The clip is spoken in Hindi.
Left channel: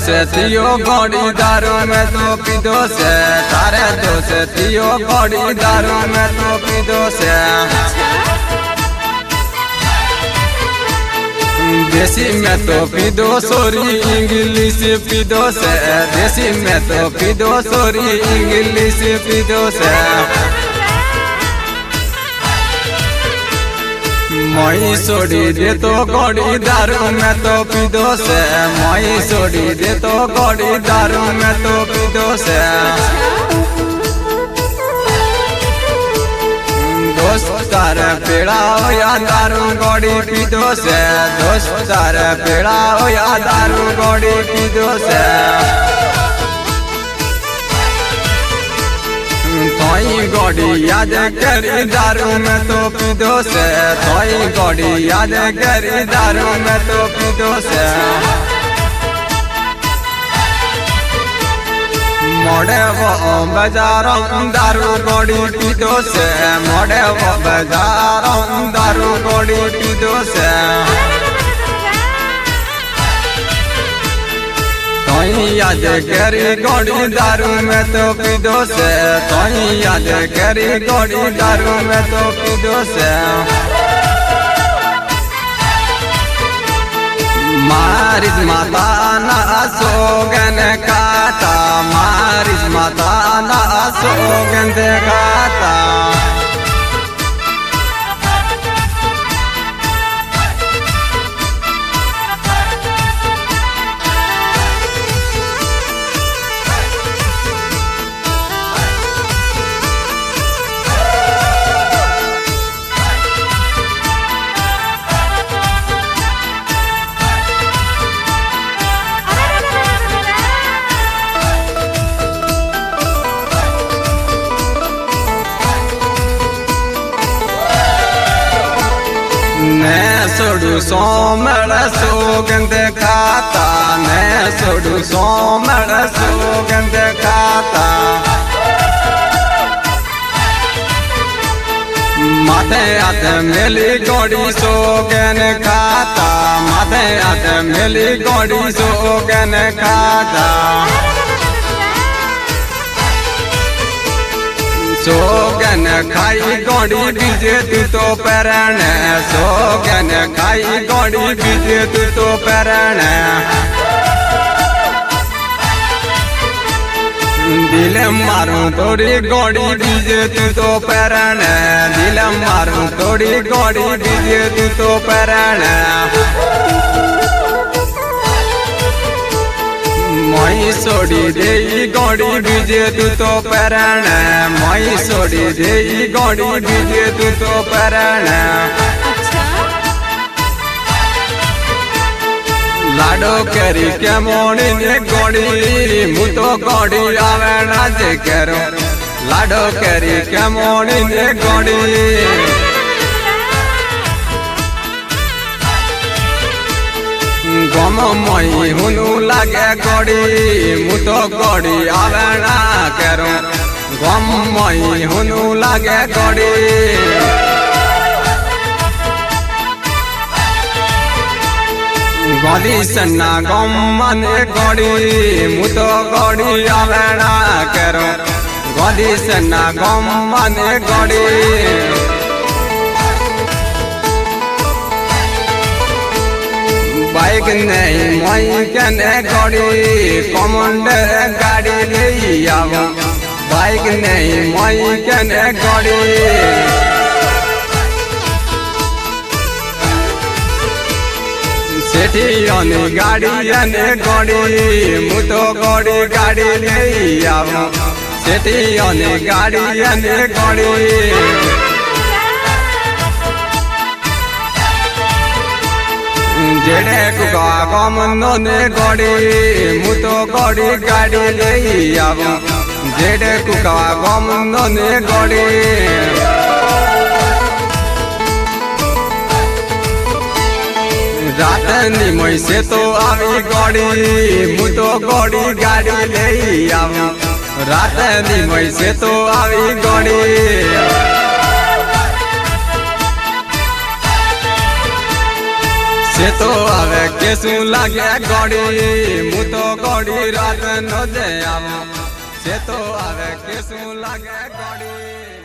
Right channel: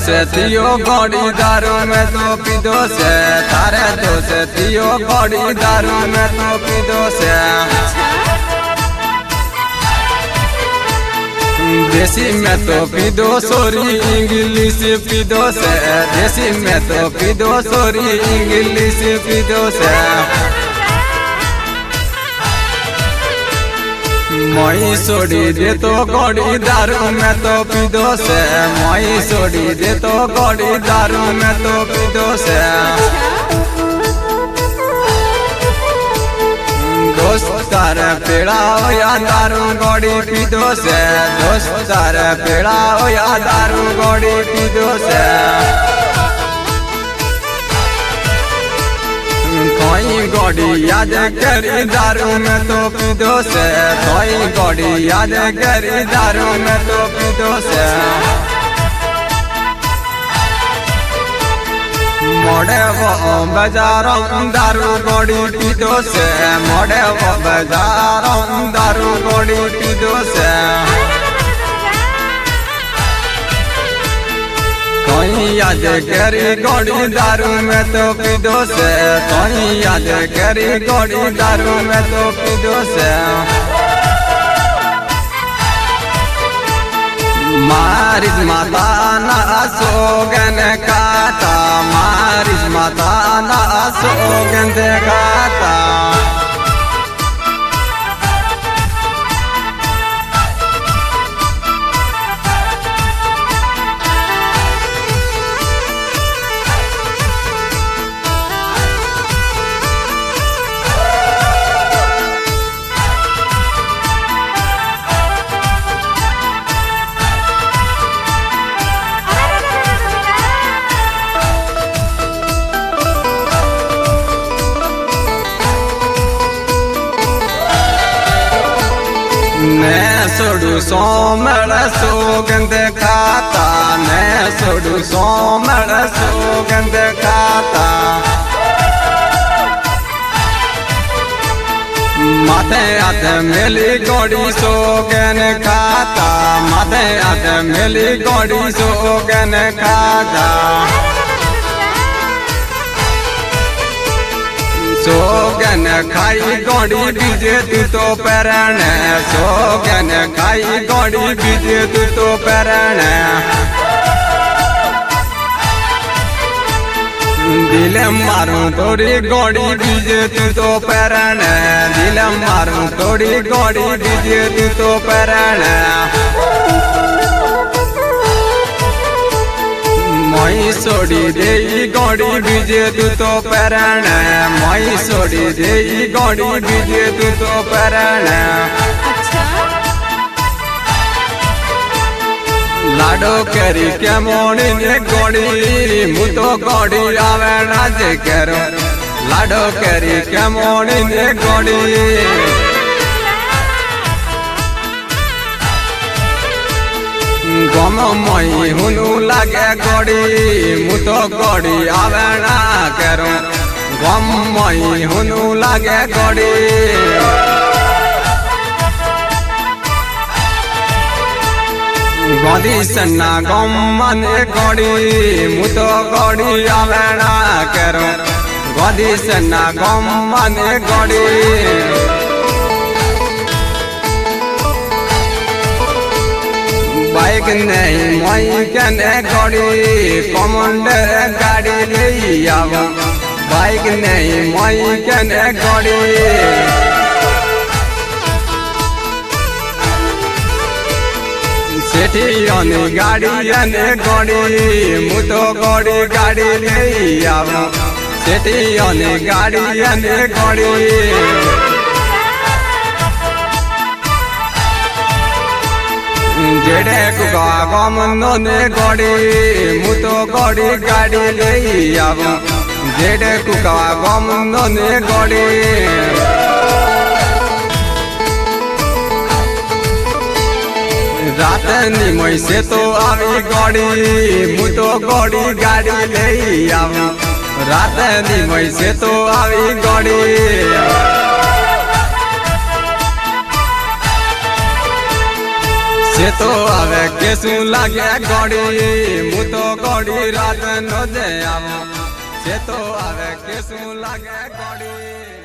दोष थियो गड़ी दारू में तो पीदो से, तारे दोष थियो गड़ी दारू में तो पीदो से। देसी में तो पीदो सोरी इंग्लिश पीदो से, देसी में तो पीदो सोरी इंग्लिश पीदो से। मई सोड़ी दे तो गड़ी दारू में तो पीदो से, मई सोड़ी दे तो गड़ी दारू में तो पीदो से। दोस्तार पेड़ा या दारू गड़ी पीदो से, दोस्तार पेड़ा या दारू गड़ी पीदो से। कोई गड़ी याद करी दारू में तो पीदो से, कोई गड़ी याद करी दारू में तो पीदो से। मोड़े वो बाजारों दारू गड़ी पीदो से, मोड़े वो बाजारों दारू गड़ी पीदो से। कोई याद करी गड़ी दारू में तो पीदो से, कोई याद करी गड़ी दारू में तो पीदो से। मारिस माता ना सोगन खाता, मारिस माता ना सोगन खाता। ने सोडू सोमड़ सोगंध खाता, ने सोडू सोमड़ सोगंध खाता। माथे हाथ मिली गड़ी सोगन खाता, माथे हाथ मिली गड़ी सोगन खाता। सोगन खाई गड़ी बीजे तू तो पैरण, सोगन खाई गड़ी बीजे तू तो पैरण। दिल मारू तोड़ी गड़ी बीजे तू तो पैरण, दिल मारू तोड़ी गड़ी बीजे तू तो पैरण। मई सोड़ी दे गड़ी बीजे तू तो पैरण, मई सोड़ी दे गड़ी बीजे तू तो पैरण। लाडो करी के मोड़ी ने गड़ी मु तो गड़ी आवे नाच करो, लाडो करी के मोड़ी ने गड़ी। गम मई हुनु लागे गड़ी मु तो गड़ी आवे ना करो, गम मई हुनु लागे गड़ी। गड़ी सन्ना गम मन गड़ी मु तो गड़ी आवे ना करो, गड़ी सन्ना गम मन गड़ी। बाइक नहीं मई कने गड़ी कमांडर गाड़ी ले आओ, बाइक नहीं मई कने गड़ी। सेठी अने गाड़ी अने गड़ी मु तो गड़ी गाड़ी ले आओ, सेठी अने गाड़ी अने गड़ी। जेड़े कुका गम नोने गड़ी मु तो गड़ी गाड़ी ले आओ, जेड़े कुका गम नोने गड़ी। रात निमई से तो आवी गड़ी मु तो गड़ी गाड़ी ले आओ, रात निमई से तो आवी गड़ी। છે તો હવે કે શું લાગે ગોડી હું તો ગોડી રાત નો જે આવો છે તો હવે કે શું લાગે ગોડી